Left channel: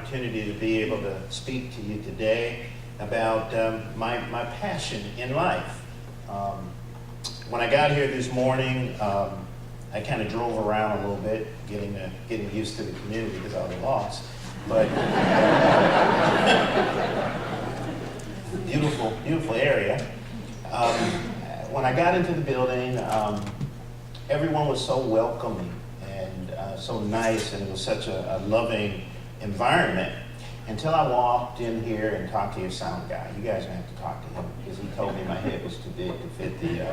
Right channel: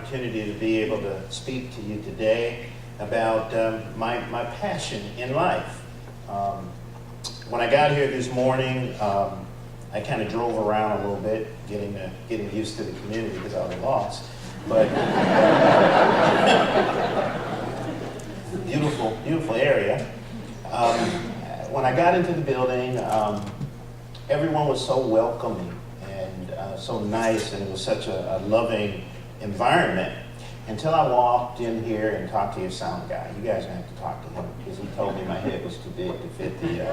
opportunity to be able to speak to you today about my passion in life. When I got here this morning, I kind of drove around a little bit, getting used to the community because I was lost. But beautiful area. When I got into the building, everyone was so welcoming and so nice, and it was such a loving environment until I walked in here and talked to your sound guy. You guys are going to have to talk to him because he told me my head was too big to fit the... So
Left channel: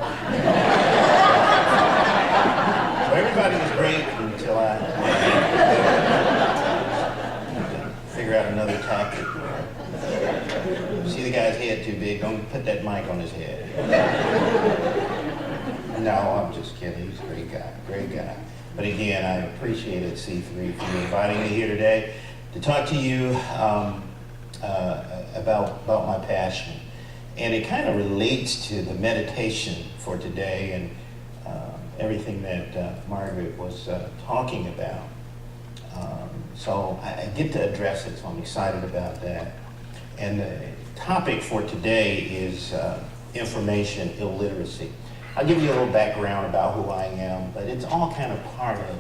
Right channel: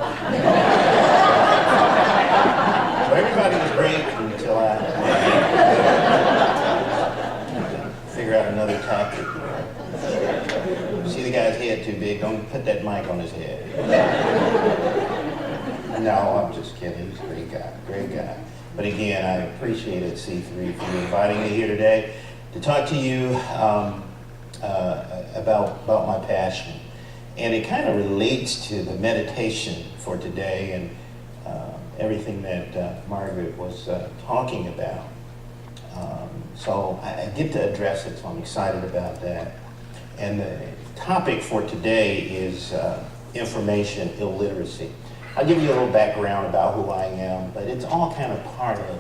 everybody was great until I figure out another tactic. See the guy's head too big, don't put that mic on his head. No, I'm just kidding. He's a great guy. But again, I appreciated C3 for inviting me here today to talk to you about my passion. And it kind of relates to the meditation for today and everything that Margaret was talking about. So I get to address it, so I'm excited about that. And the topic for today is information illiteracy. I'll give you a little background about who I am, but it's all kind of part of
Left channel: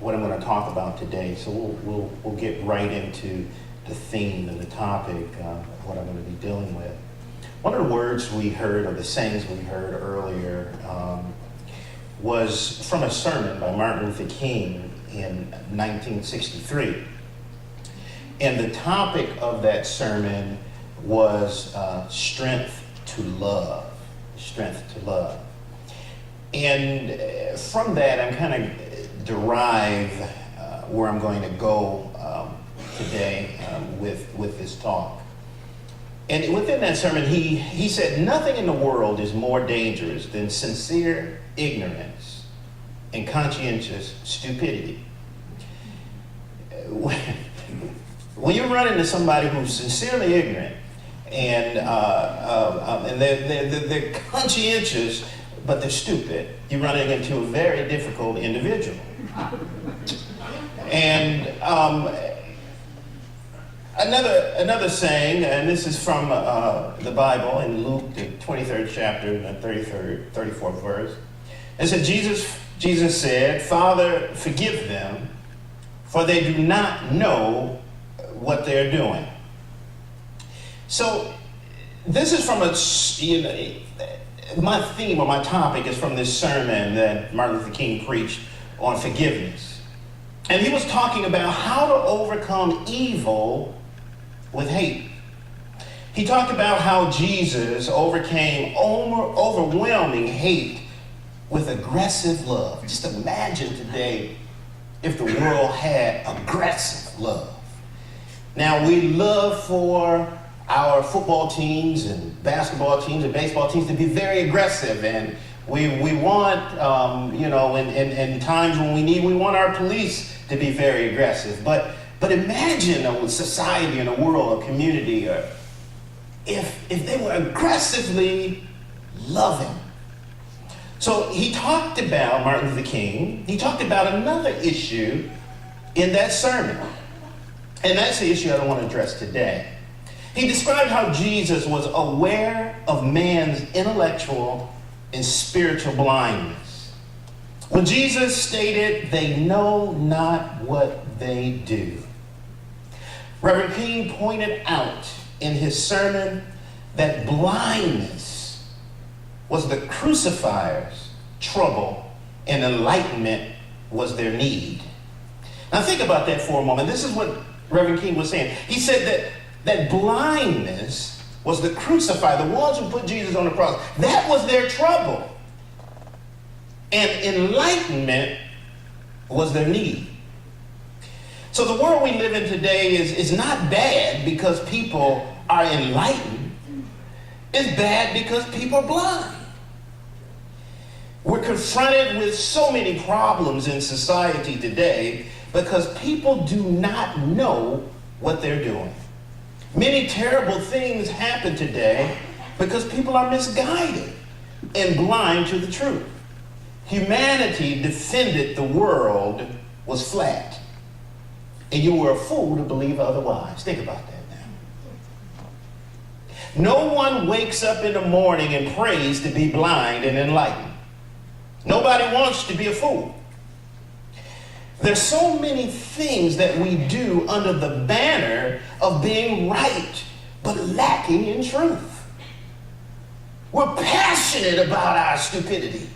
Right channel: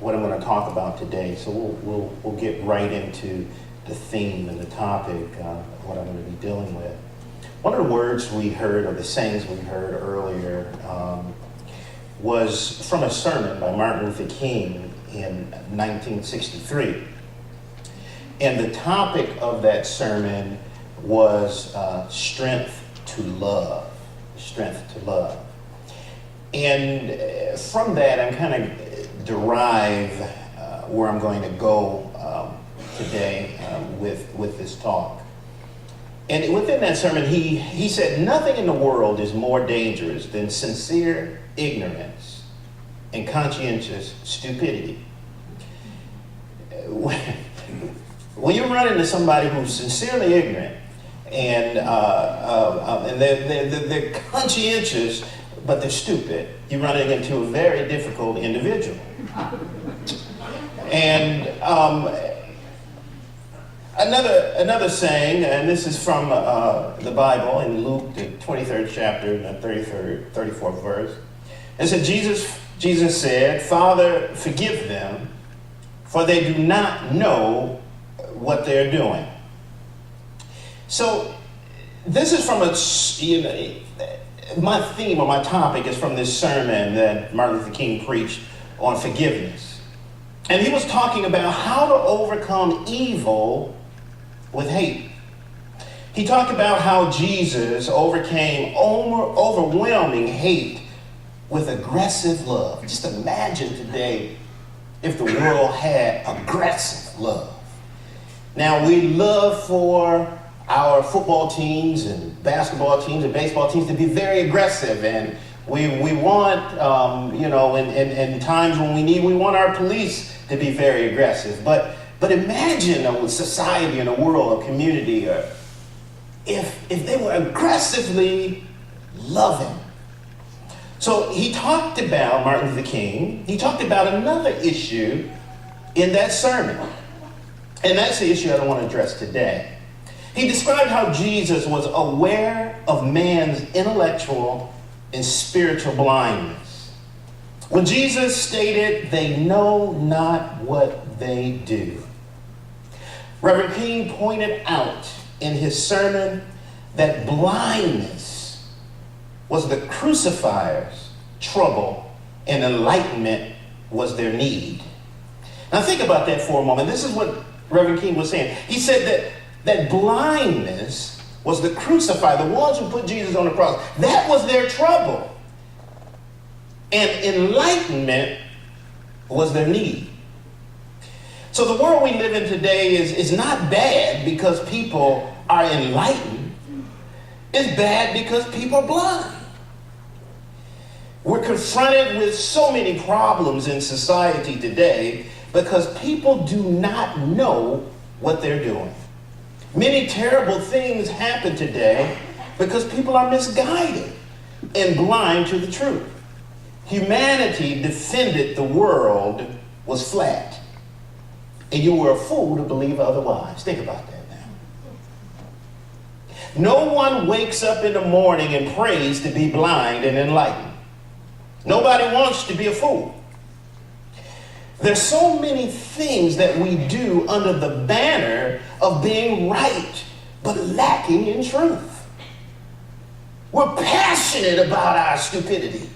what I'm going to talk about today. So we'll get right into the theme and the topic of what I'm going to be dealing with. One of the words we heard, or the sayings we heard earlier, was from a sermon by Martin Luther King in 1963. And the topic of that sermon was strength to love. Strength to love. And from that, I'm kind of derive where I'm going to go today with this talk. And within that sermon, he said, nothing in the world is more dangerous than sincere ignorance and conscientious stupidity. When you run into somebody who's sincerely ignorant and they're conscientious, but they're stupid, you're running into a very difficult individual. And another saying, and this is from the Bible in Luke, the 23rd chapter, the 34th verse. It said, Jesus said, "Father, forgive them, for they do not know what they're doing." So this is from my theme or my topic is from this sermon that Martin Luther King preached on forgiveness. And he was talking about how to overcome evil with hate. He talked about how Jesus overcame overwhelming hate with aggressive love. Just imagine today if the world had aggressive love. Now, we love for our football teams and basketball teams and baseball teams to be very aggressive, and we want, in times when we want our police to be very aggressive. But imagine a society and a world, a community, if they were aggressively loving. So he talked about, Martin Luther King, he talked about another issue in that sermon. And that's the issue I don't want to address today. He described how Jesus was aware of man's intellectual and spiritual blindness. When Jesus stated, "They know not what they do." Reverend King pointed out in his sermon that blindness was the crucifier's trouble and enlightenment was their need. Now think about that for a moment. This is what Reverend King was saying. He said that blindness was the crucifier, the ones who put Jesus on the cross. That was their trouble. And enlightenment was their need. So the world we live in today is not bad because people are enlightened. It's bad because people are blind. We're confronted with so many problems in society today because people do not know what they're doing. Many terrible things happen today because people are misguided and blind to the truth. Humanity defended the world was flat. and you were a fool to believe otherwise. Think about that now. No one wakes up in the morning and prays to be blind and enlightened. Nobody wants to be a fool. There's so many things that we do under the banner of being right, but lacking in truth. We're passionate about our stupidity.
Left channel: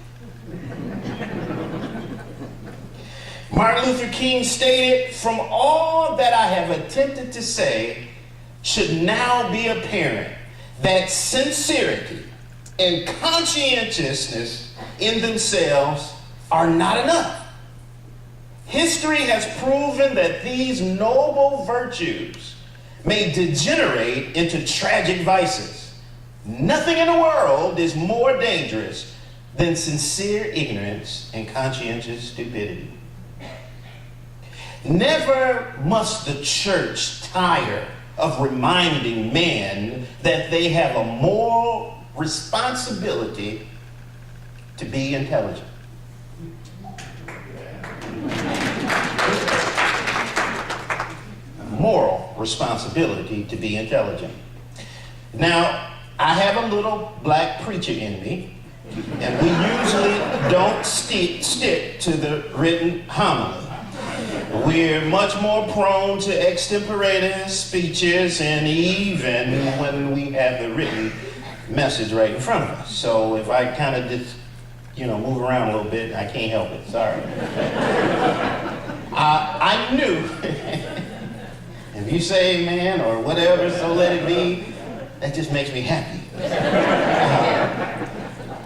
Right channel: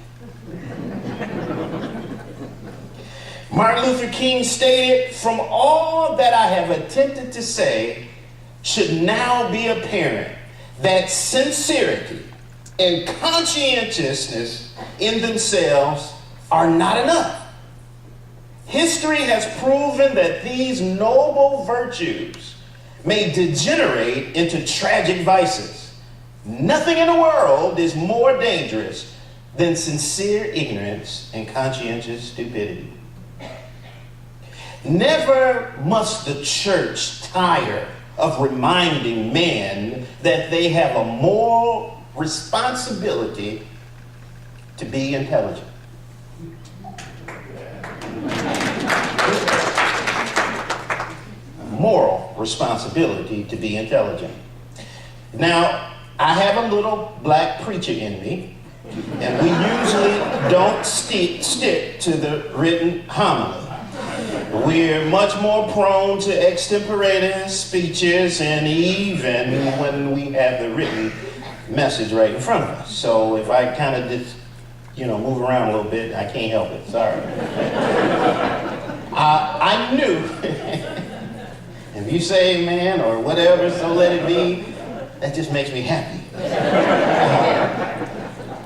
Martin Luther King stated, "From all that I have attempted to say should now be apparent that sincerity and conscientiousness in themselves are not enough. History has proven that these noble virtues may degenerate into tragic vices. Nothing in the world is more dangerous than sincere ignorance and conscientious stupidity." Never must the church tire of reminding men that they have a moral responsibility to be intelligent. Moral responsibility to be intelligent. Now, I have a little black preacher in me, and we usually don't stick to the written homily. We're much more prone to extemporaneous speeches, and even when we have the written message right in front of us. So if I kind of just, move around a little bit, I can't help it. Sorry. I knew. If you say amen or whatever, so let it be, that just makes me happy.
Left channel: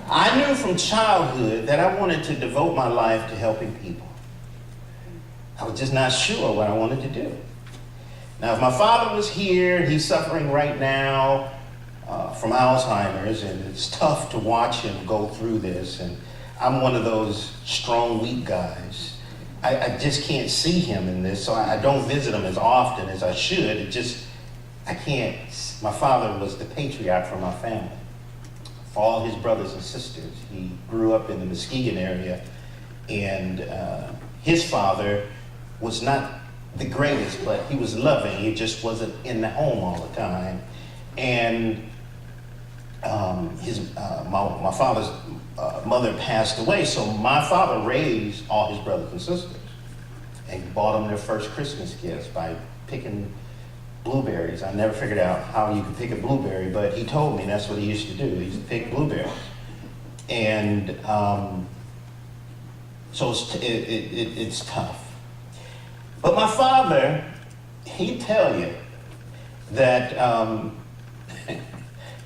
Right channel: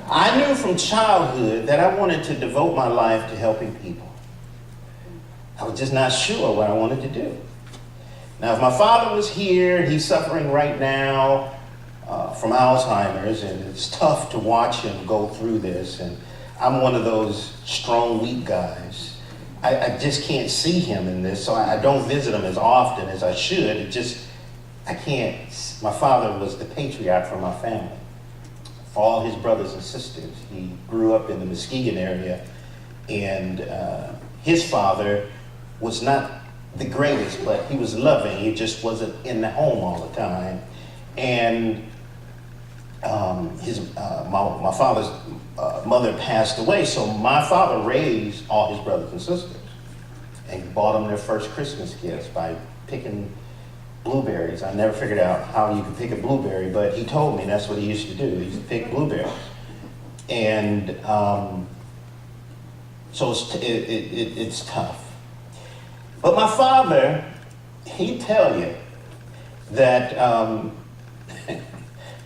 I knew from childhood that I wanted to devote my life to helping people. I was just not sure what I wanted to do. Now, if my father was here, he's suffering right now from Alzheimer's, and it's tough to watch him go through this, and I'm one of those strong, weak guys. I just can't see him in this, so I don't visit him as often as I should. I can't. My father was the patriarch for my family, for all his brothers and sisters. He grew up in the Muskegon area, and his father was not the greatest, but he was loving. He just wasn't in the home all the time. And my father's mother passed away, so my father raised all his brothers and sisters and bought them their first Christmas gifts by picking blueberries. I never figured out how you could pick a blueberry, but he told me that's what he used to do. He used to pick blueberries. And so it's tough. But my father, he'd tell you that,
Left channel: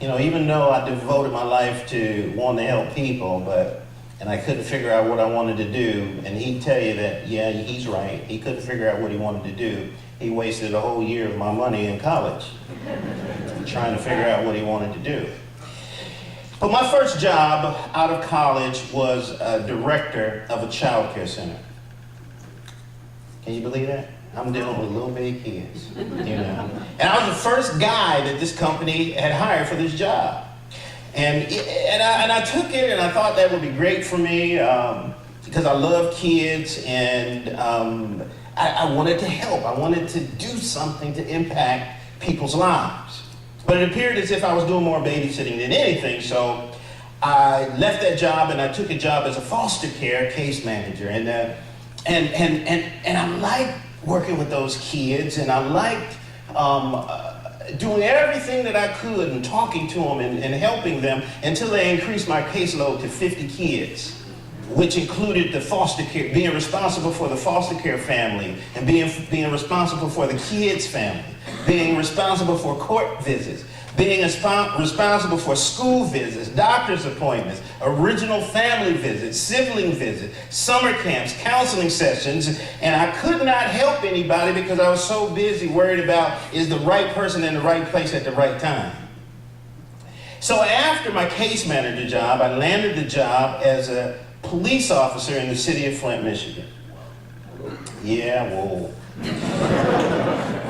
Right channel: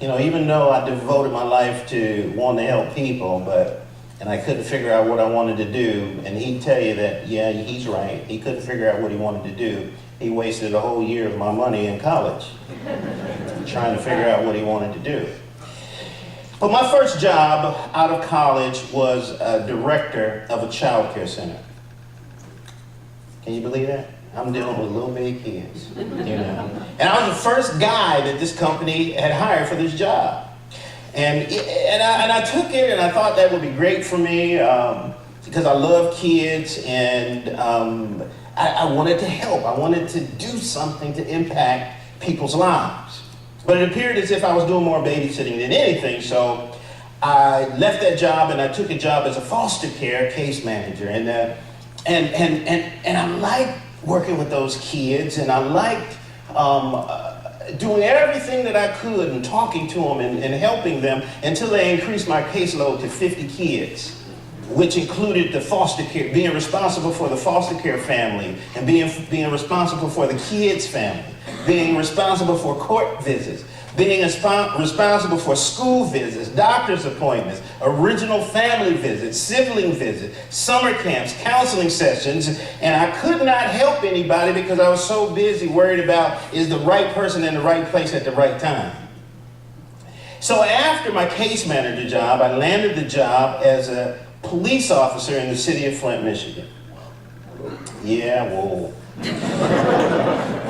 even though I devoted my life to wanting to help people, and I couldn't figure out what I wanted to do, and he'd tell you that, yeah, he's right. He couldn't figure out what he wanted to do. He wasted a whole year of my money in college trying to figure out what he wanted to do. But my first job out of college was a director of a child care center. Can you believe that? I'm dealing with little bitty kids, And I was the first guy that this company had hired for this job. And I took it, and I thought that would be great for me because I love kids, and I wanted to help. I wanted to do something to impact people's lives. But it appeared as if I was doing more babysitting than anything, so I left that job, and I took a job as a foster care case manager. And I liked working with those kids, and I liked doing everything that I could and talking to them and helping them until they increased my caseload to 50 kids, which included the foster care, being responsible for the foster care family, and being responsible for the kids' family, being responsible for court visits, being responsible for school visits, doctor's appointments, original family visits, sibling visits, summer camps, counseling sessions, and I could not help anybody because I was so busy worried about is the right person in the right place at the right time. So after my case manager job, I landed the job as a police officer in the city of Flint, Michigan. Yeah, whoa.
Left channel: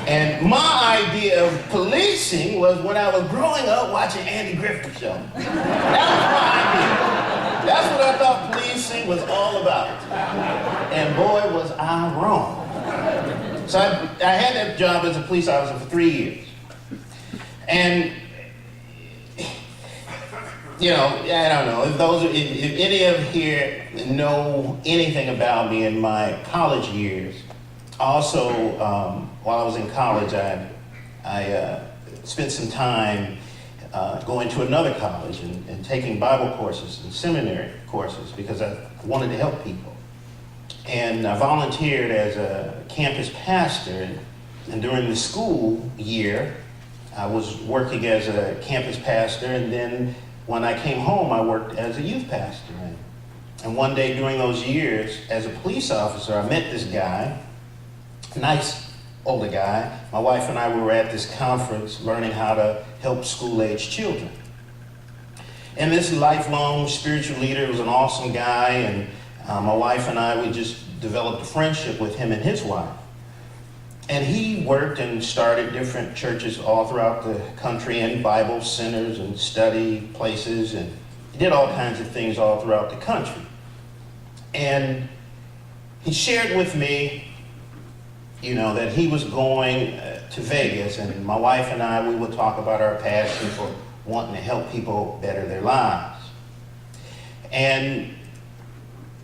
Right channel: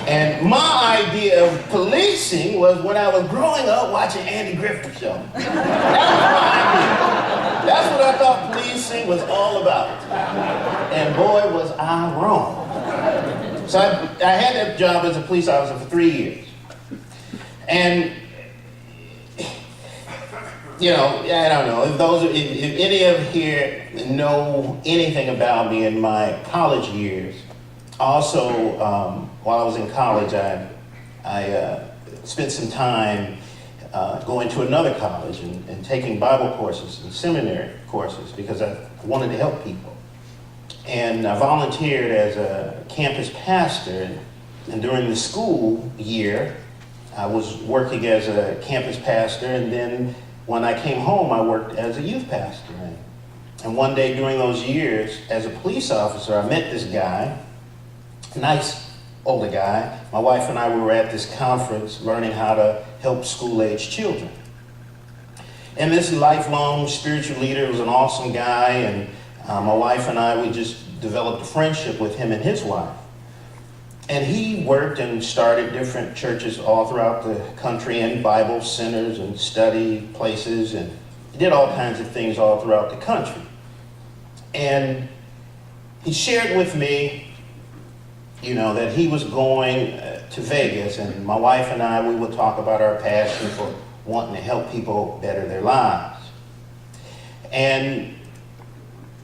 And my idea of policing was when I was growing up watching Andy Griffith Show. That was my idea. That's what I thought policing was all about. And boy, was I wrong. So I had that job as a police officer for 3 years. And, you know, I don't know, if any of here know anything about me in my college years, also, while I was in college, I spent some time going to another college and taking Bible courses and seminary courses because I wanted to help people. And I volunteered as a campus pastor, and during the school year, I was working as a campus pastor, and then when I came home, I worked as a youth pastor. And one day during those years, as a police officer, I met this guy, nice older guy. My wife and I were at this conference learning how to help school-age children. And this lifelong spiritual leader was an awesome guy, and my wife and I, we just developed a friendship with him and his wife. And he worked and started different churches all throughout the country and Bible centers and study places, and he did all kinds of things all throughout the country. And he shared with me, you know, that he was going to Vegas, and my wife and I, we would talk about our passion for wanting to help people better their lives. And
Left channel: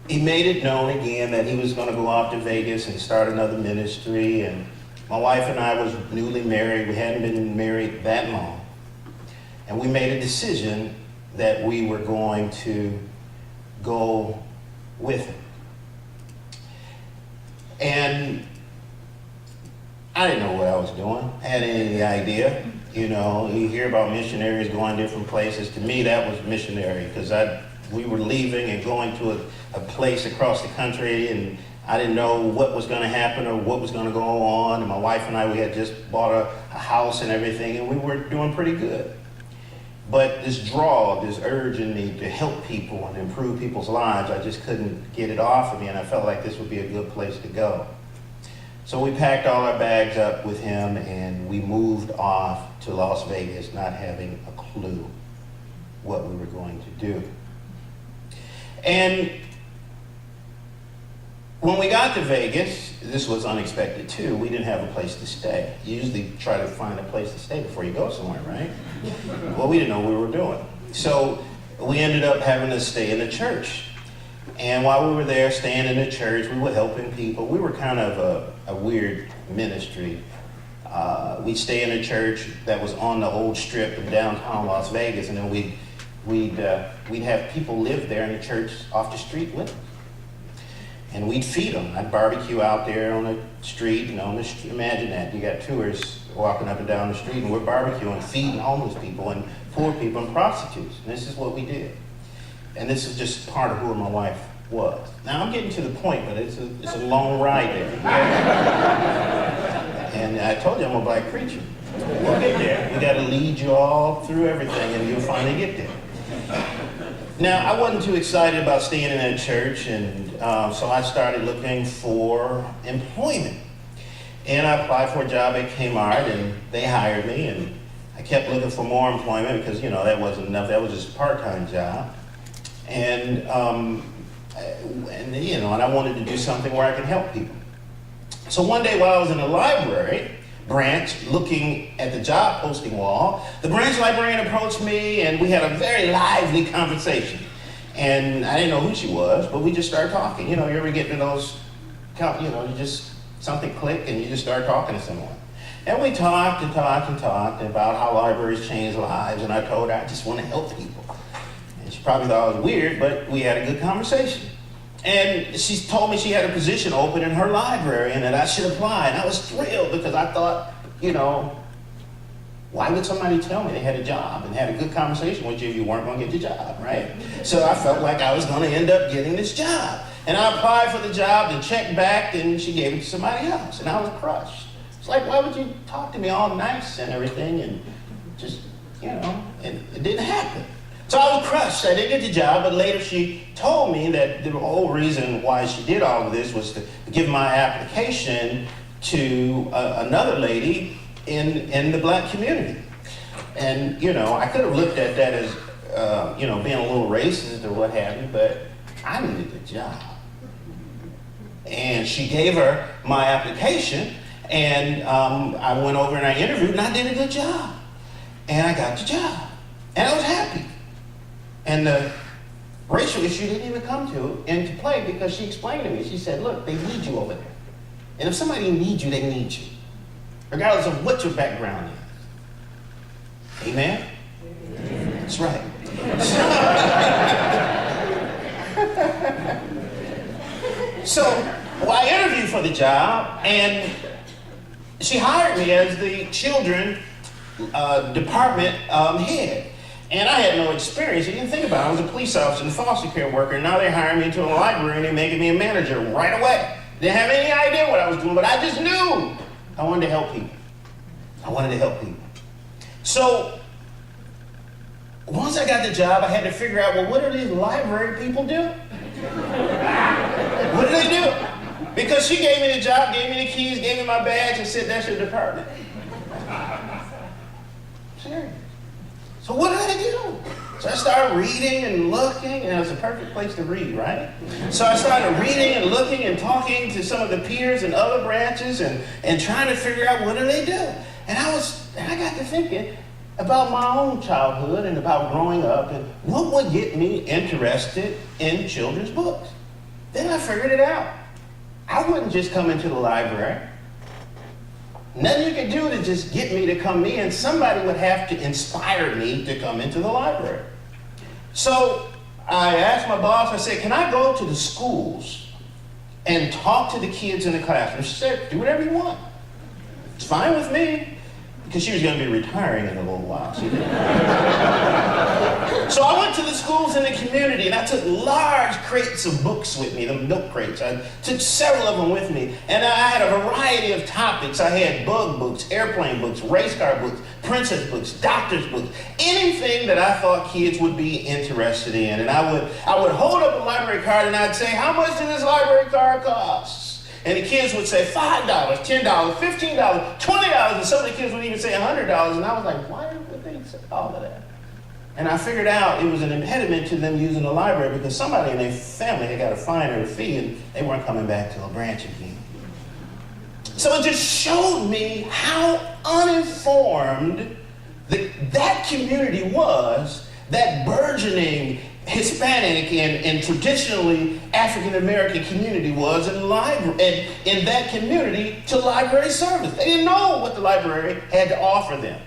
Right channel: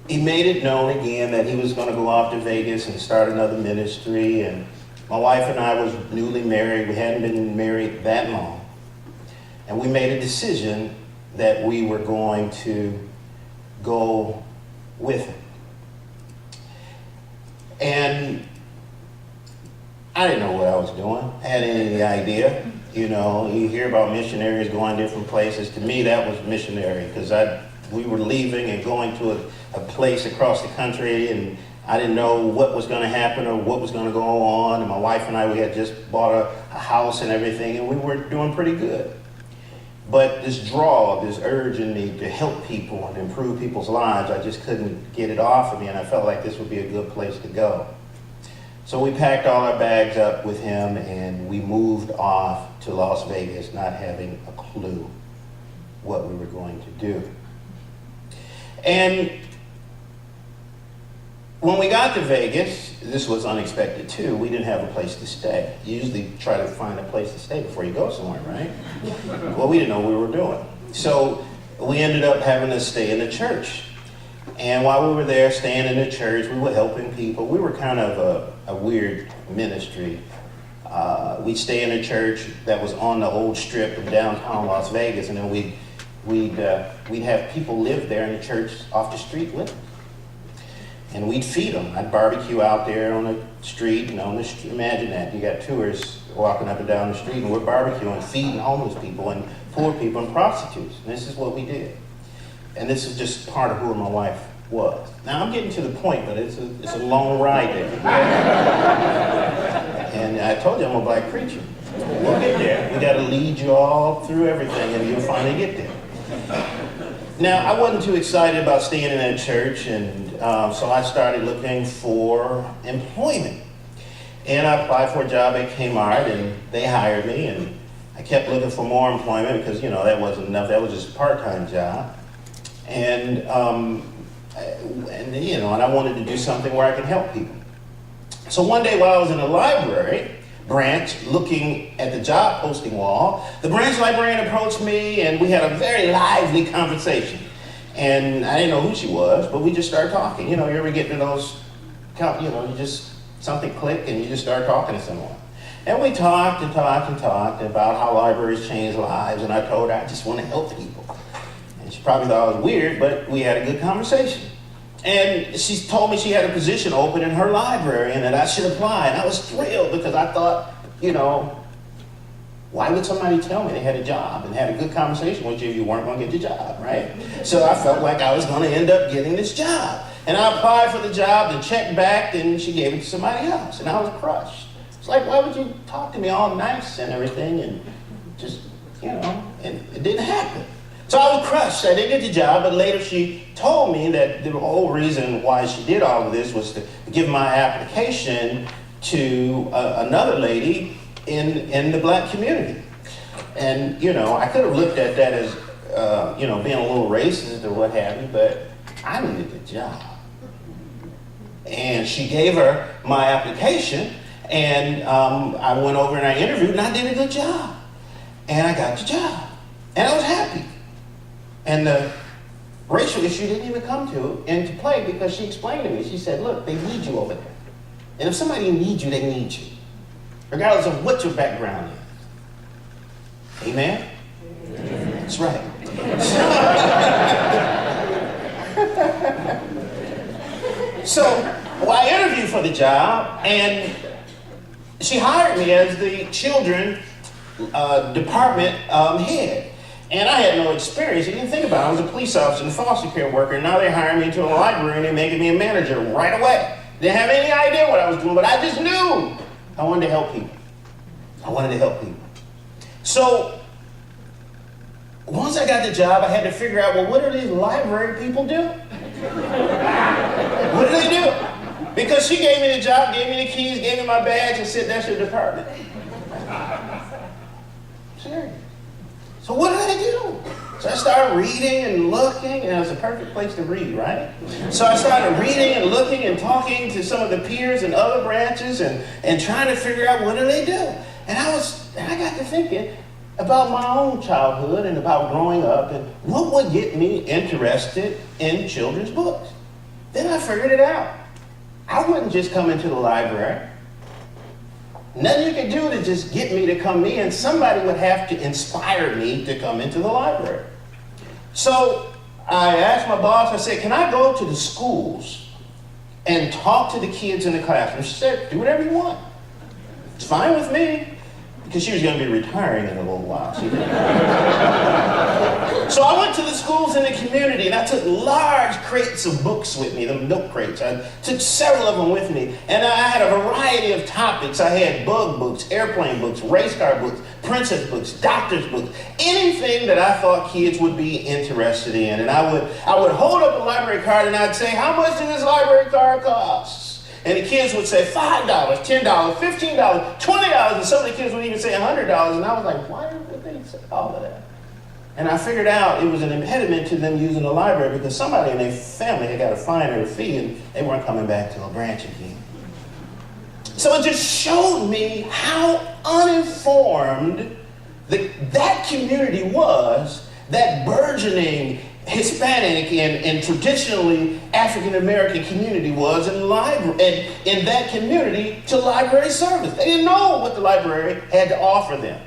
he made it known again that he was going to go off to Vegas and start another ministry. And my wife and I was newly married. We hadn't been married that long. And we made a decision that we were going to go with him. And I didn't know what I was doing. I hadn't any idea. You know, you hear about missionaries going different places. To me, that was missionary, because we were leaving and going to a place across the country, and I didn't know what was going to happen or what was going to go on. And my wife and I, we had just bought a house and everything, and we were doing pretty good. But this draw, this urge in me to help people and improve people's lives, I just couldn't get it off of me, and I felt like this would be a good place to go. So we packed all our bags up with him, and we moved off to Las Vegas, not having a clue what we were going to do. And when we got to Vegas, this was unexpected too. We didn't have a place to stay. You usually try to find a place to stay before you go somewhere, right? Well, we didn't know what we were doing. So we ended up having to stay in the church. And while we were there staying in the church, we were helping people. We were kind of a weird ministry. We'd stay in a church that was on the old strip of downtown Las Vegas, and then we'd have people live there in the church off the street with us. And we'd feed them. I'd barbecue out there on the street, imagine that. You got tourists walking up and down the street, and we're barbecuing, feeding homeless people and poor people and prostitutes. And this is what we did. And this is just part of who my wife was. Now I'm getting to the point, but it's a long ride there. And I told you I'm a black preacher. We'll get there. We got to lead you all through everything, and you'll finally get there. Now, I wasn't too excited about staying in that church, and so I started looking for employment. And I applied for a job at Kmart, and they hired me, and I kept looking for more employment because, that wasn't enough. That was just a part-time job. And I wanted to do something where I could help people. So one day while I was in the library branch looking at the job posting wall, the branch librarian approached me, and we had a very lively conversation. And I didn't know who she was, but we just started talking. You ever get to those, something click and you just start talking to someone. And we talked about how libraries change lives, and I told her I just want to help people. And she probably thought I was weird, but we had a good conversation. And she told me she had a position open in her library and that I should apply. And I was thrilled because I thought, why would somebody tell me they had a job and had a good conversation with you if you weren't going to get the job, right? So I felt like I was going to end up getting this job. And I applied for the job and checked back, and she gave it to somebody else. And I was crushed. It's like, why would you talk to me all nice and everything and just, and it didn't happen. So I was crushed. I didn't get the job, but later she told me that the whole reason why she did all of this was to give my application to another lady in the black community. And, I could have looked at that as, being a little racist or what have you, but I needed the job. And she gave her my application, And I went over and I interviewed and I did a good job. And I got the job. And I was happy. And the racial issue didn't even come into play because she explained to me. She said, look, they need you over there. And if somebody needs you, they need you. Regardless of what your background is. Amen? Amen. That's right. So, well, I interviewed for the job, and she hired me as the children department head. And I had no experience. You didn't think about it. I was a police officer and a foster care worker, and now they're hiring me into a library and they're making me a manager right away. Didn't have any idea what I was doing, but I just knew I wanted to help people. I wanted to help people. So, once I got the job, I had to figure out, well, what do these library people do? What do they do? Because she gave me the job, gave me the keys, gave me my badge, and said, that's your department. Serious. So what did I do? So I started reading and looking, and it was a perfect place to read, right? So I started reading and looking and talking to some of the peers in other branches and trying to figure out what do they do. And I got to thinking about my own childhood and about growing up and what would get me interested in children's books. Then I figured it out. I wouldn't just come into the library. Nothing you could do to just get me to come in. Somebody would have to inspire me to come into the library. So I asked my boss, I said, can I go to the schools and talk to the kids in the classroom? She said, do whatever you want. It's fine with me. Because she was going to be retiring in a little while. So I went to the schools in the community, and I took large crates of books with me, the milk crates. I took several of them with me, and I had a variety of topics. I had bug books, airplane books, race car books, princess books, doctor's books, anything that I thought kids would be interested in. And I would hold up a library card, and I'd say, how much does this library card cost? And the kids would say $5, $10, $15, $20, and some of the kids would even say $100. And I was like, why would they say all of that? And I figured out it was an impediment to them using the library because somebody in their family had got a fine or a fee and they weren't coming back to a branch again. So it just showed me how uninformed that community was, that burgeoning Hispanic and traditionally African-American community was in that community to library service. They didn't know what the library had to offer them.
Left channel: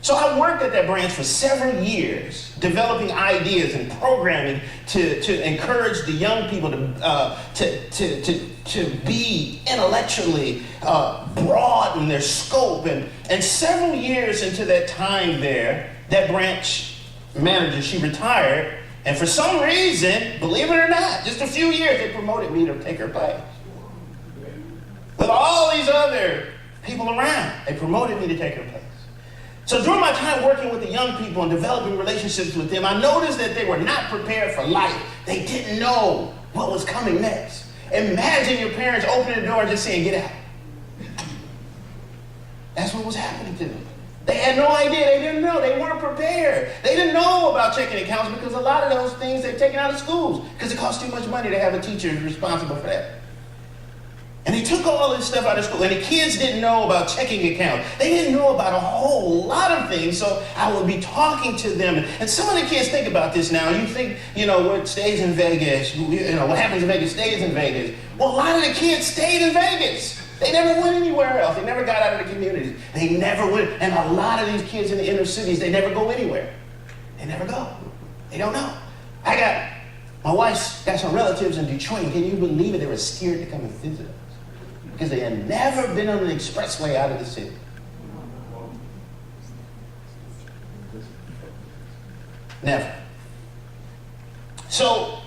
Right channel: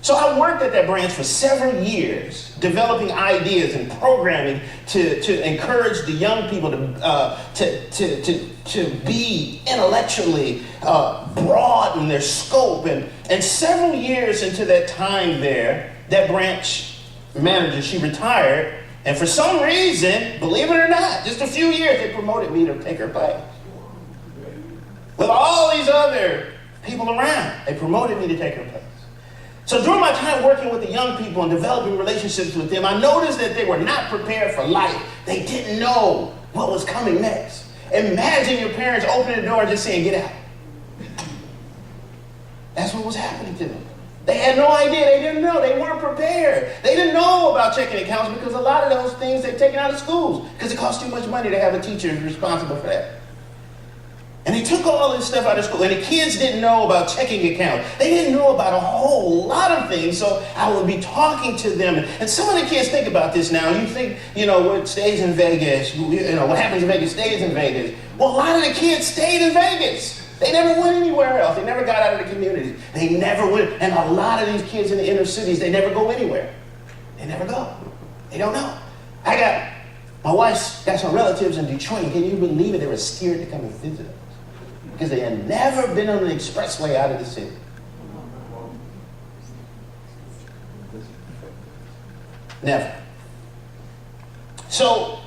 So I worked at that branch for several years, developing ideas and programming to encourage the young people to be intellectually broad in their scope. And several years into that time there, that branch manager, she retired. And for some reason, believe it or not, just a few years, they promoted me to take her place. With all these other people around, they promoted me to take her place. So during my time working with the young people and developing relationships with them, I noticed that they were not prepared for life. They didn't know what was coming next. Imagine your parents opening the door and just saying, get out. That's what was happening to them. They had no idea. They didn't know. They weren't prepared. They didn't know about checking accounts because a lot of those things they're taken out of schools because it costs too much money to have a teacher responsible for that. And they took all this stuff out of school. And the kids didn't know about checking accounts. They didn't know about a whole lot of things. So I would be talking to them. And some of the kids think about this now. You think, what stays in Vegas, what happens in Vegas stays in Vegas. Well, a lot of the kids stayed in Vegas. They never went anywhere else. They never got out of the communities. They never went. And a lot of these kids in the inner cities, they never go anywhere. They never go. They don't know. My wife's got some relatives in Detroit. Can you believe it? They were scared to come and visit us because they had never been on an expressway out of the city. Never. So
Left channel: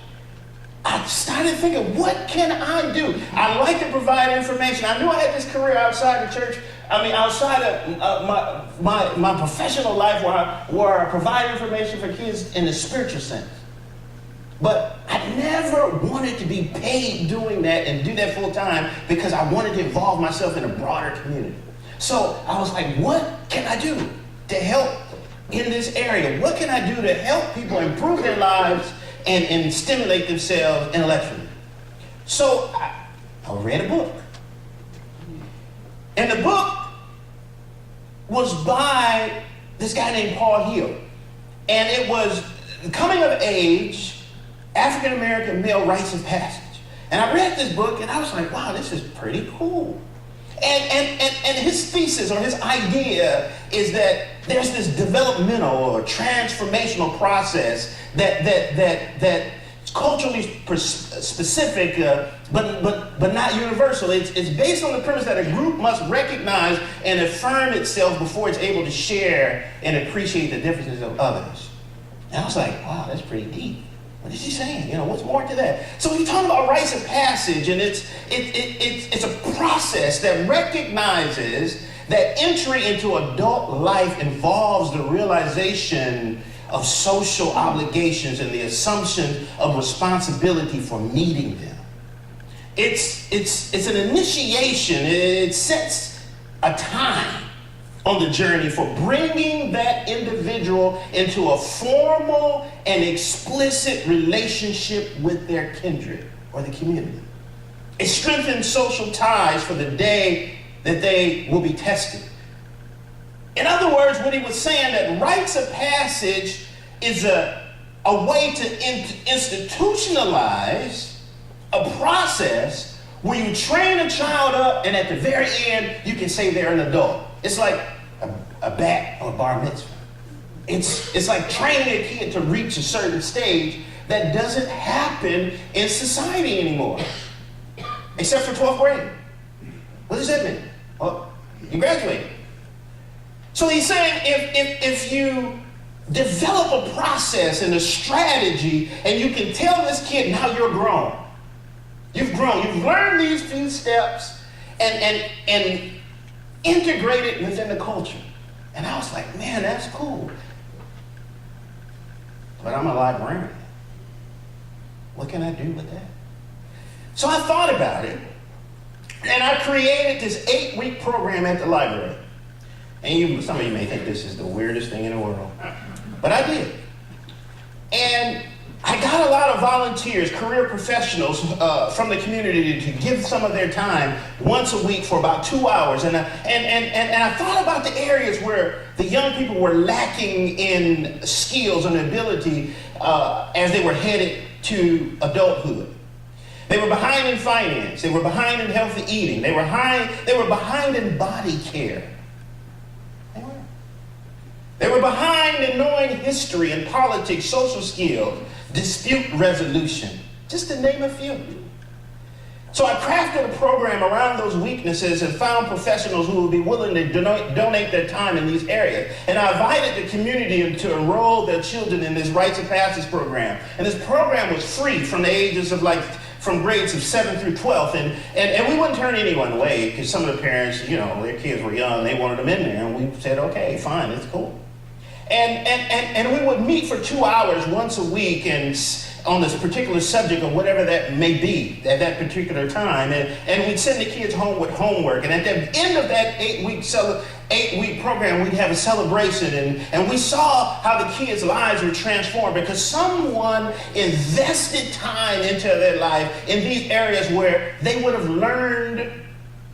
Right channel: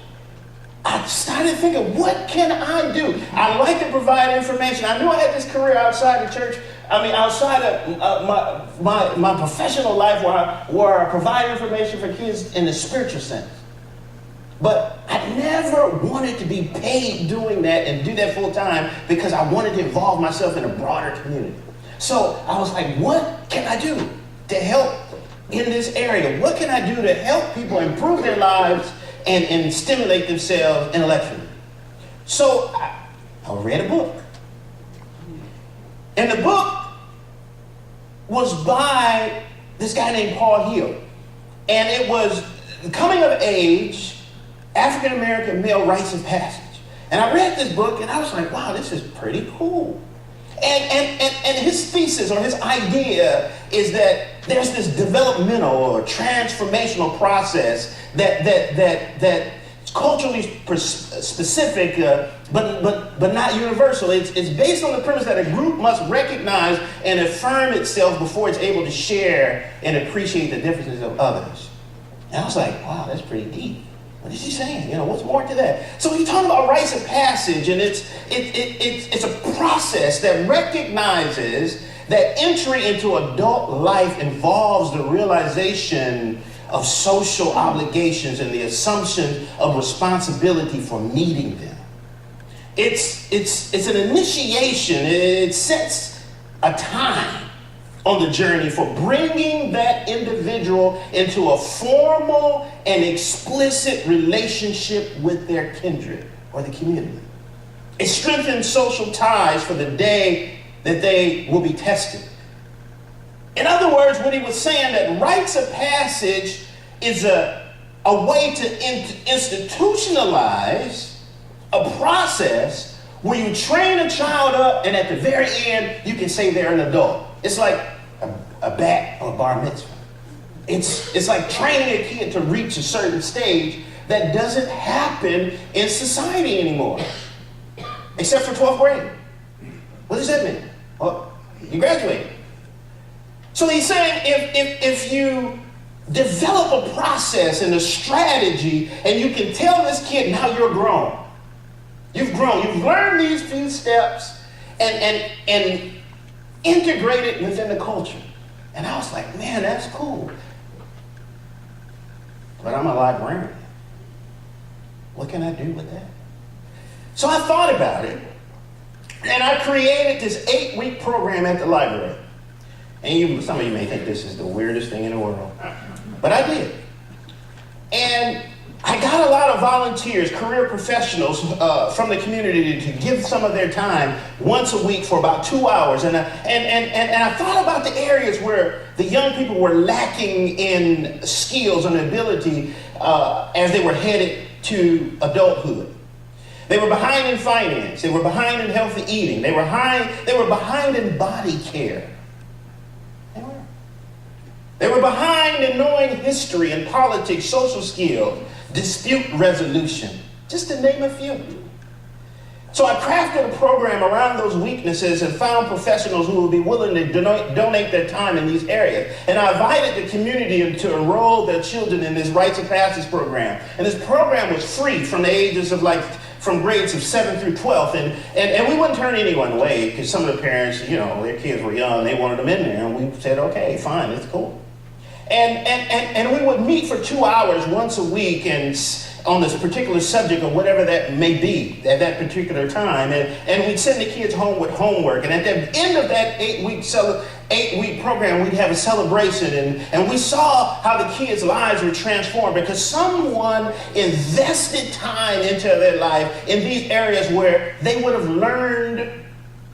I started thinking, what can I do? I like to provide information. I knew I had this career outside the church. Outside of my professional life where I provide information for kids in the spiritual sense. But I never wanted to be paid doing that and do that full time because I wanted to involve myself in a broader community. So I was like, what can I do to help in this area? What can I do to help people improve their lives and stimulate themselves intellectually? So I read a book. And the book was by this guy named Paul Hill. And it was coming of age, African-American male rites of passage. And I read this book and I was like, wow, this is pretty cool. And his thesis or his idea is that there's this developmental or transformational process that's culturally specific, but not universal. It's based on the premise that a group must recognize and affirm itself before it's able to share and appreciate the differences of others. And I was like, wow, that's pretty deep. What is he saying? What's more to that? So he's talking about rites of passage, and it's a process that recognizes that entry into adult life involves the realization of social obligations and the assumption of responsibility for meeting them. It's an initiation. It sets a time on the journey for bringing that individual into a formal and explicit relationship with their kindred or the community. It strengthens social ties for the day that they will be tested. In other words, what he was saying, that rites of passage is a way to institutionalize a process where you train a child up and at the very end you can say they're an adult. It's like a bat or a bar mitzvah. It's like training a kid to reach a certain stage that doesn't happen in society anymore, except for 12th grade. What does that mean? Well, you graduated. So he's saying if you develop a process and a strategy and you can tell this kid, now you're grown. You've grown. You've learned these few steps and integrate it within the culture. And I was like, man, that's cool. But I'm a librarian. What can I do with that? So I thought about it, and I created this 8-week program at the library. And some of you may think this is the weirdest thing in the world, but I did. And I got a lot of volunteers, career professionals from the community to give some of their time once a week for about 2 hours. And I thought about the areas where the young people were lacking in skills and ability as they were headed to adulthood. They were behind in finance. They were behind in healthy eating. They were behind in body care. They were behind in knowing history and politics, social skills, dispute resolution, just to name a few. So I crafted a program around those weaknesses and found professionals who would be willing to donate their time in these areas. And I invited the community to enroll their children in this rites of passage program. And this program was free from the ages of from grades of 7 through 12. And we wouldn't turn anyone away because some of the parents, their kids were young, they wanted them in there. And we said, okay, fine, it's cool. And we would meet for 2 hours once a week and on this particular subject or whatever that may be at that particular time. And we'd send the kids home with homework. And at the end of that 8-week program, we'd have a celebration. And we saw how the kids' lives were transformed because someone invested time into their life in these areas where they would have learned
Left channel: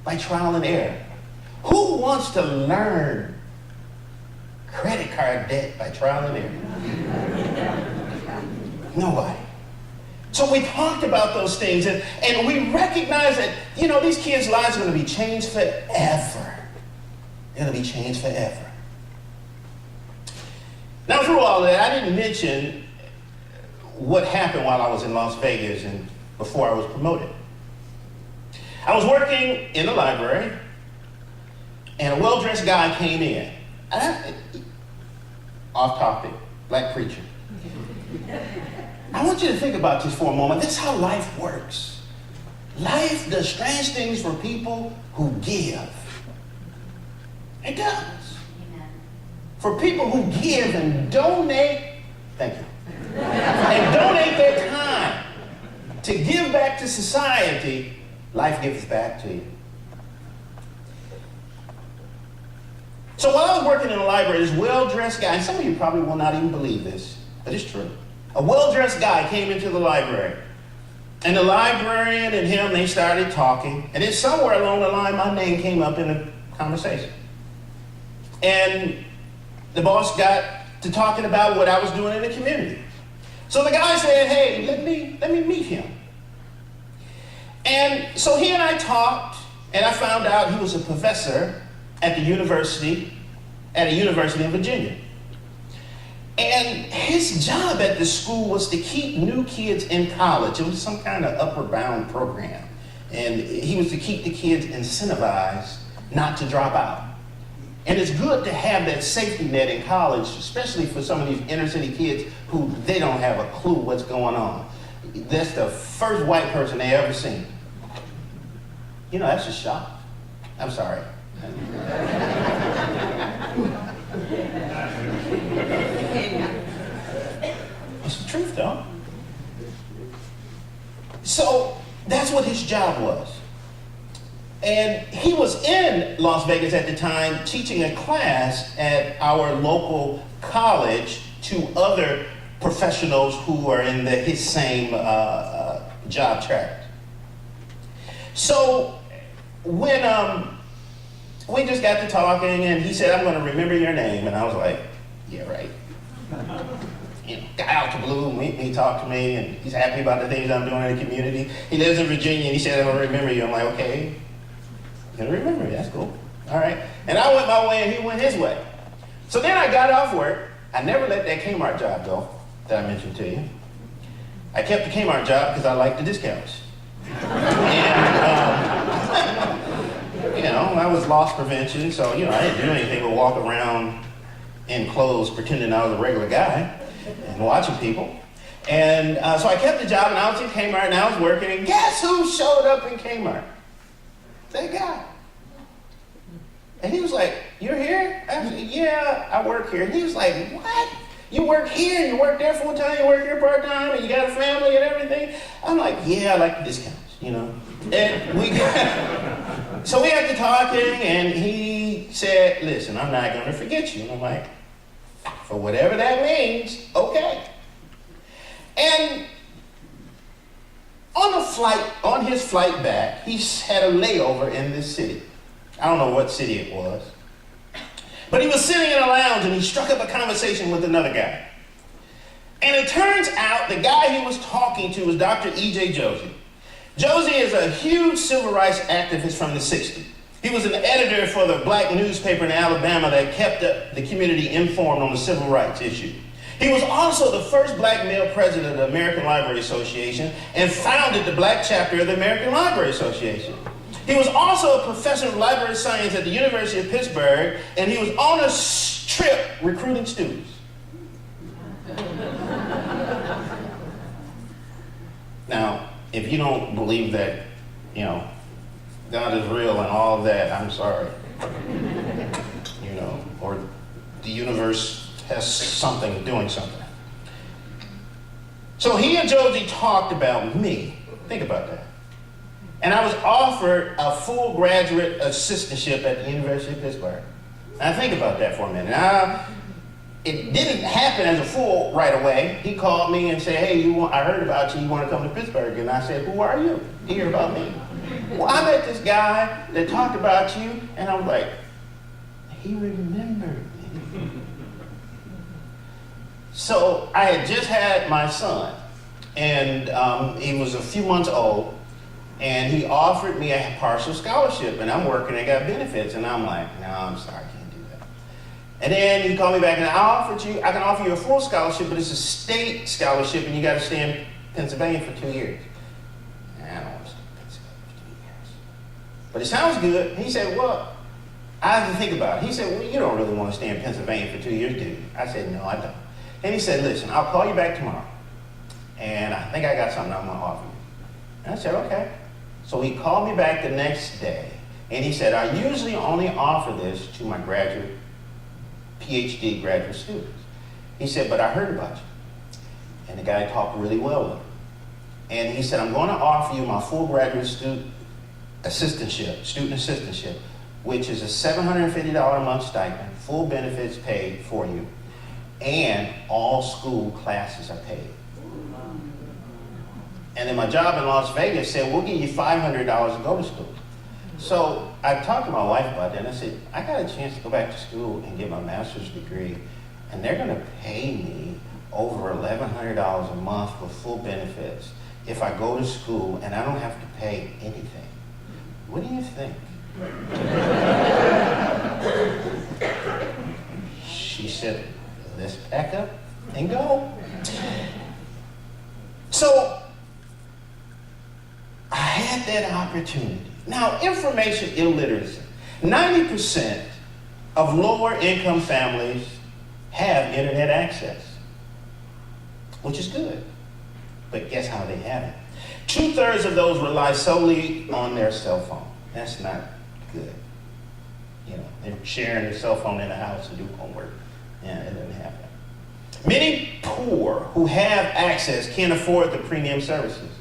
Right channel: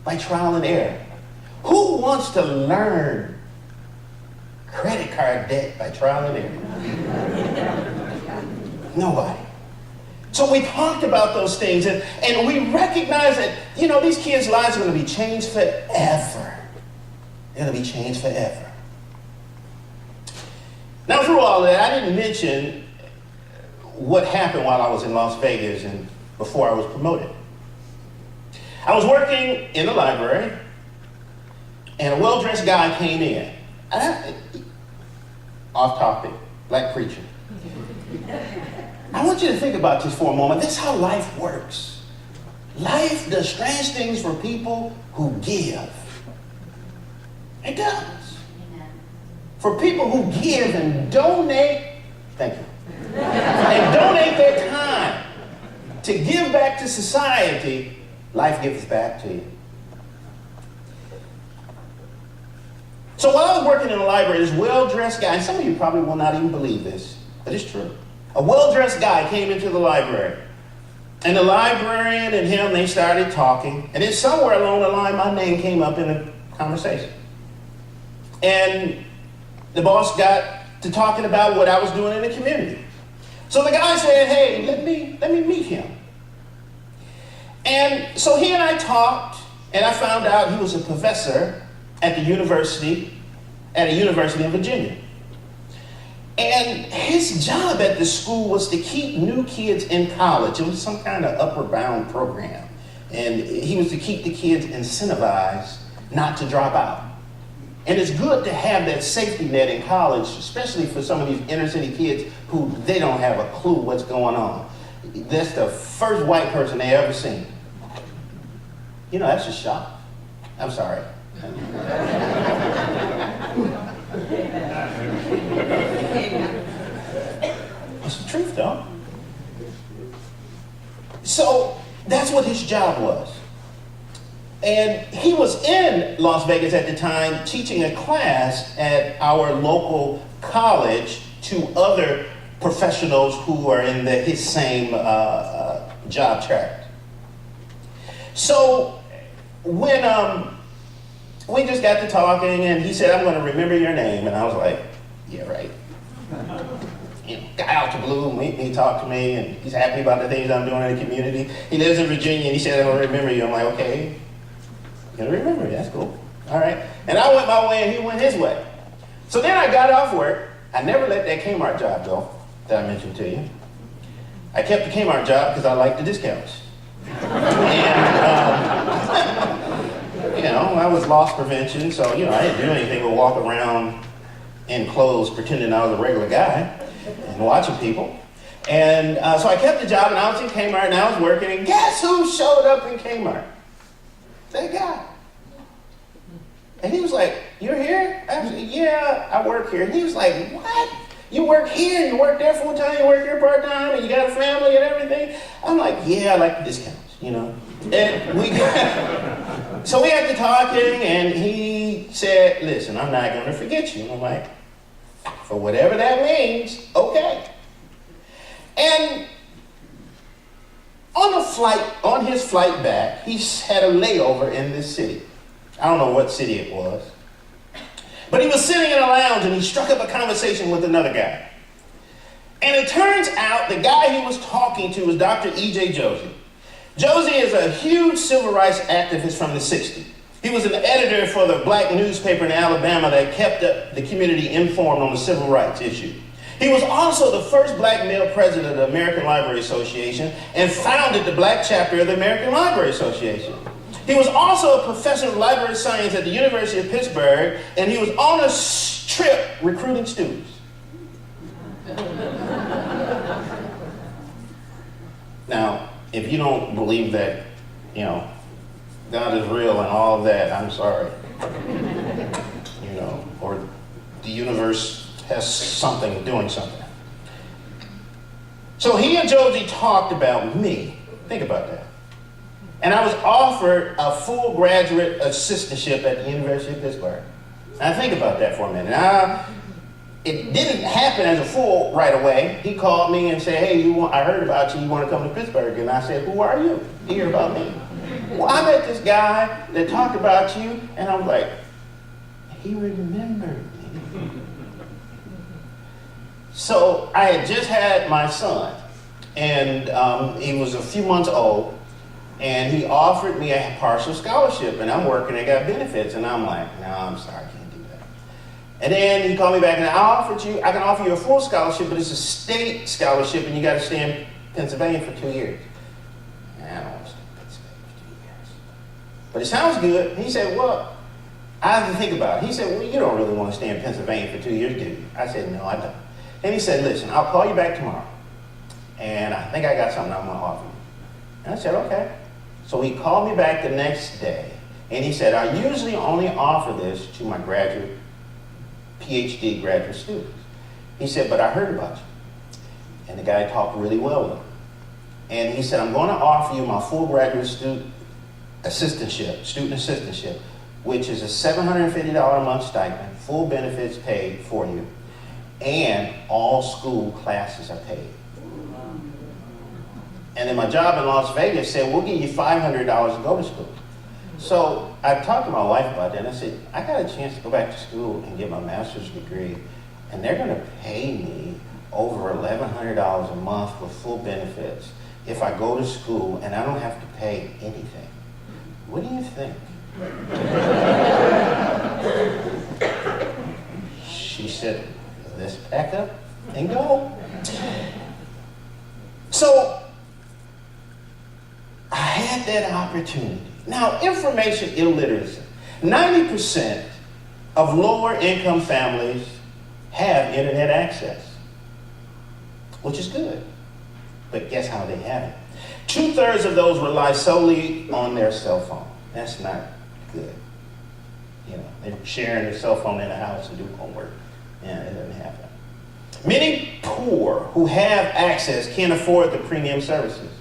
by trial and error. Who wants to learn credit card debt by trial and error? Nobody. So we talked about those things and we recognized that, these kids' lives are going to be changed forever. They're going to be changed forever. Now, through all that, I didn't mention what happened while I was in Las Vegas and before I was promoted. I was working in the library and a well-dressed guy came in. Off topic, black preacher. I want you to think about this for a moment. This is how life works. Life does strange things for people who give. It does. Amen. For people who give and donate, thank you, and donate their time to give back to society, life gives back to you. So while I was working in the library, this well-dressed guy, and some of you probably will not even believe this, but it's true. A well-dressed guy came into the library And the librarian and him, they started talking. And then somewhere along the line, my name came up in the conversation. And the boss got to talking about what I was doing in the community. So the guy said, hey, let me meet him. And so he and I talked, and I found out he was a professor at a university in Virginia. And his job at the school was to keep new kids in college. It was some kind of upward bound program. And he was to keep the kids incentivized not to drop out. And it's good to have that safety net in college, especially for some of these inner city kids who they don't have a clue what's going on. That's the first white person they ever seen. You know, that's a shock. I'm sorry. It's the truth, though. So that's what his job was. And he was in Las Vegas at the time teaching a class at our local college to other professionals who are in his same job track. So when we just got to talking, and he said, I'm going to remember your name. And I was like, yeah, right. You know, guy out the blue, he talked to me, and he's happy about the things I'm doing in the community. He lives in Virginia, and he said, I'm going to remember you. I'm like, okay, you're going to remember me. That's cool. All right. And I went my way, and he went his way. So then I got off work. I never let that Kmart job go that I mentioned to you. I kept the Kmart job because I liked the discounts. And, you know, I was loss prevention, so, you know, I didn't do anything but walk around in clothes pretending I was a regular guy and watching people. And so I kept the job, and I was in Kmart, and I was working, and guess who showed up in Kmart? That guy. And he was like, you're here? I said, yeah, I work here. And he was like, what? You work here, you work there full time, you work here part time, and you got a family and everything? I'm like, yeah, I like the discounts, you know. And so we got to talking, and he said, listen, I'm not going to forget you. And I'm like, for whatever that means, okay. And on his flight back, he had a layover in this city. I don't know what city it was. But he was sitting in a lounge, and he struck up a conversation with another guy. And it turns out the guy he was talking to was Dr. E.J. Josie. Josie is a huge civil rights activist from the 60s. He was an editor for the black newspaper in Alabama that kept the community informed on the civil rights issue. He was also the first black male president of the American Library Association and founded the black chapter of the American Library Association. He was also a professor of library science at the University of Pittsburgh, and he was on a trip recruiting students. Now, if you don't believe that, you know, God is real and all of that, I'm sorry. You know, or the universe has something, doing something. So he and Josie talked about me. Think about that. And I was offered a full graduate assistantship at the University of Pittsburgh. Now think about that for a minute. Now, it didn't happen as a full right away. He called me and said, hey, I heard about you, you want to come to Pittsburgh? And I said, who are you to hear about me? Well, I met this guy that talked about you, and I was like, he remembered me. So I had just had my son, and he was a few months old, and he offered me a partial scholarship, and I'm working and got benefits, and I'm like, no, I'm sorry, I can't do that. And then he called me back, and I can offer you a full scholarship, but it's a state scholarship, and you got to stay in Pennsylvania for 2 years. And I don't want to stay in Pennsylvania for 2 years. But it sounds good. He said, well, I have to think about it. He said, well, you don't really want to stay in Pennsylvania for 2 years, do you? I said, no, I don't. And he said, listen, I'll call you back tomorrow, and I think I got something I'm going to offer you. And I said, okay. So he called me back the next day, and he said, I usually only offer this to my PhD graduate students. He said, but I heard about you. And the guy talked really well with him. And he said, I'm going to offer you my full graduate student assistantship, which is a $750 a month stipend, full benefits paid for you, and all school classes are paid. And then my job in Las Vegas said, we'll give you $500 to go to school. So I talked to my wife about that, and I said, I got a chance to go back to school and get my master's degree, and they're gonna pay me over $1,100 a month with full benefits if I go to school and I don't have to pay anything. What do you think? She said, let's pack up and go. So I had that opportunity. Now, information illiteracy. 90% of lower income families have internet access, which is good. But guess how they have it? 2/3 of those rely solely on their cell phone. That's not good. You know, they're sharing their cell phone in the house to do homework. Yeah, it doesn't happen. Many poor who have access can't afford the premium services.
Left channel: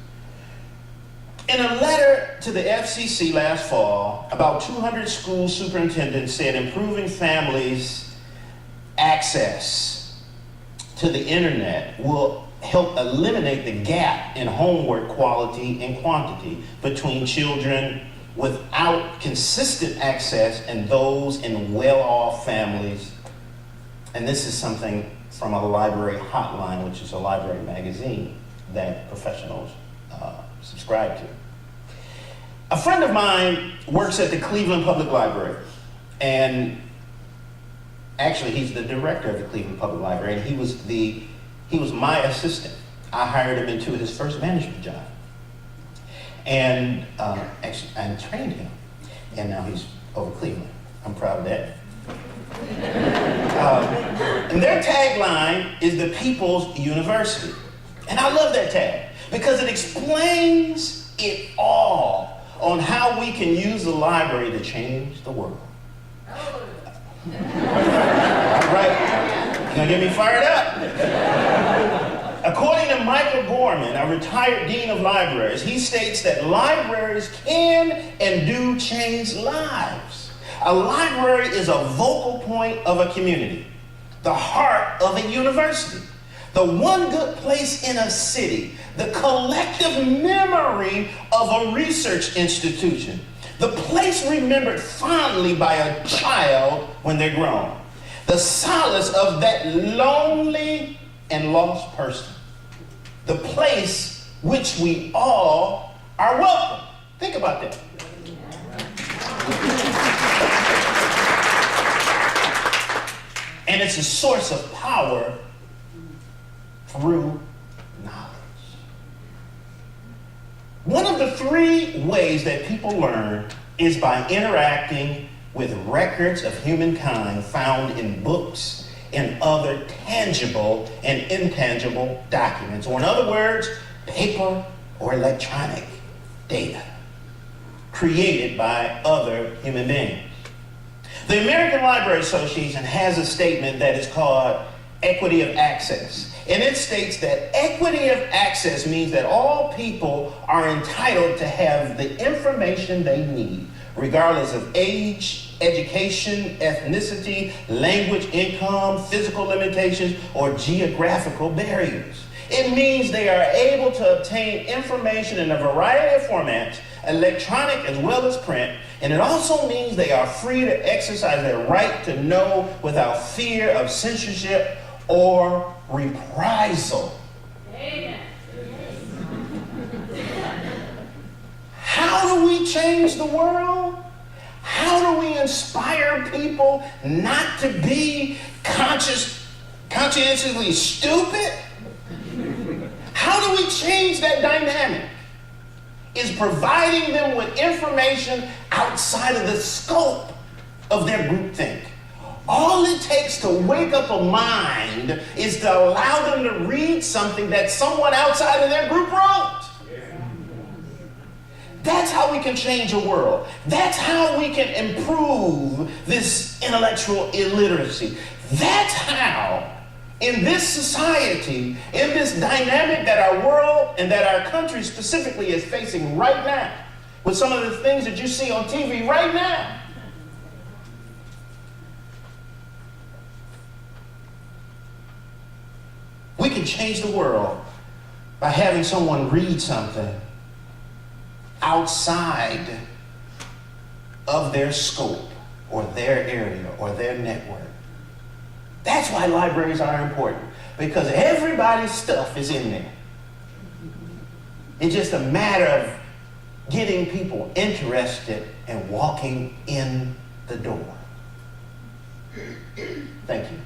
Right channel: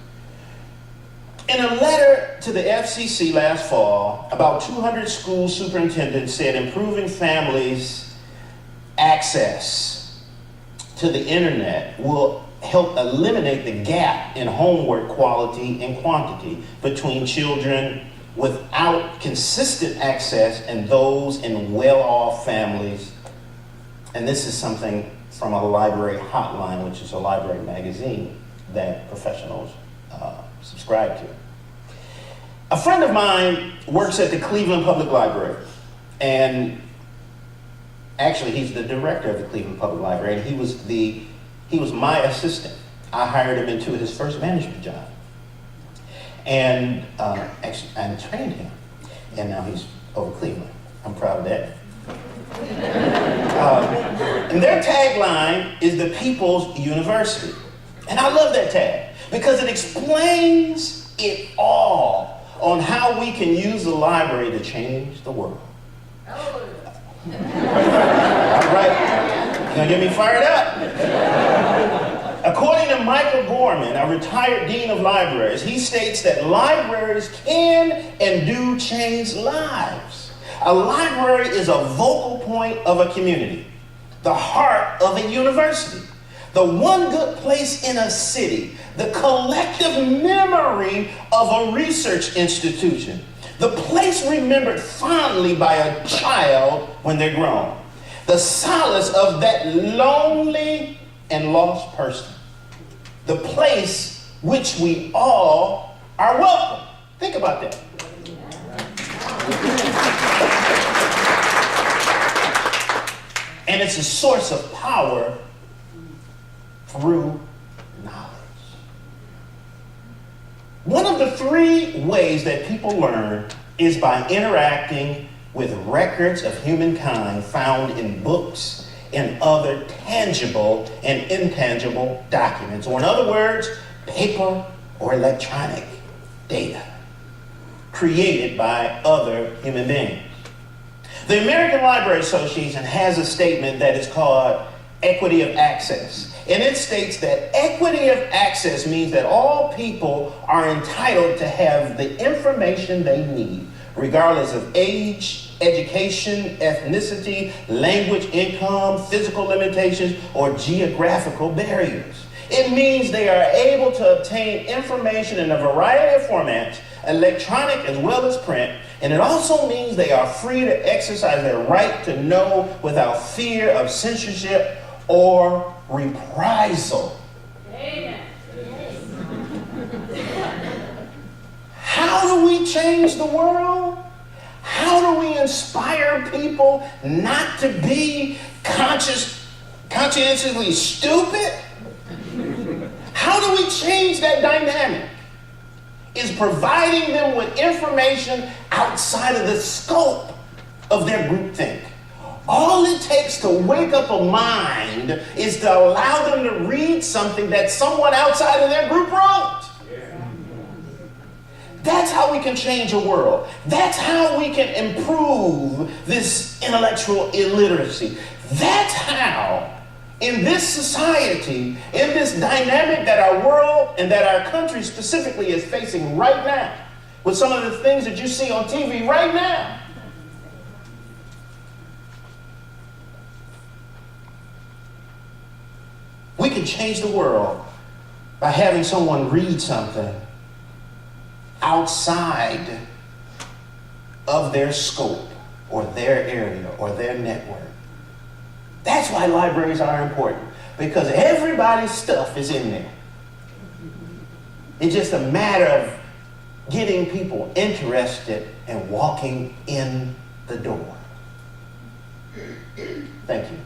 In a letter to the FCC last fall, about 200 school superintendents said improving families' access to the internet will help eliminate the gap in homework quality and quantity between children without consistent access and those in well-off families. And this is something from a library hotline, which is a library magazine that professionals subscribe to. A friend of mine works at the Cleveland Public Library, and actually he's the director of the Cleveland Public Library, and he was my assistant. I hired him into his first management job, and trained him, and now he's over Cleveland. I'm proud of that. And their tagline is the People's University. And I love that tag because it explains it all on how we can use the library to change the world. All right, you're gonna get me fired up. According to Michael Gorman, a retired dean of libraries, he states that libraries can and do change lives. A library is a vocal point of a community, the heart of a university, the one good place in a city, the collective memory of a research institution, the place remembered fondly by a child when they're grown, the solace of that lonely and lost person, the place which we all are welcome. Think about that. And it's a source of power through knowledge. One of the 3 ways that people learn is by interacting with records of humankind found in books and other tangible and intangible documents, or in other words, paper or electronic data created by other human beings. The American Library Association has a statement that is called equity of access. And it states that equity of access means that all people are entitled to have the information they need, regardless of age, education, ethnicity, language, income, physical limitations, or geographical barriers. It means they are able to obtain information in a variety of formats, electronic as well as print, and it also means they are free to exercise their right to know without fear of censorship or reprisal. Amen. How do we change the world? How do we inspire people not to be conscientiously stupid? How do we change that dynamic? Is providing them with information outside of the scope of their groupthink. All it takes to wake up a mind is to allow them to read something that someone outside of their group wrote. That's how we can change a world. That's how we can improve this intellectual illiteracy. That's how, in this society, in this dynamic that our world and that our country specifically is facing right now, with some of the things that you see on TV right now, we can change the world by having someone read something outside of their scope or their area or their network. That's why libraries are important, because everybody's stuff is in there. It's just a matter of getting people interested and walking in the door. Thank you.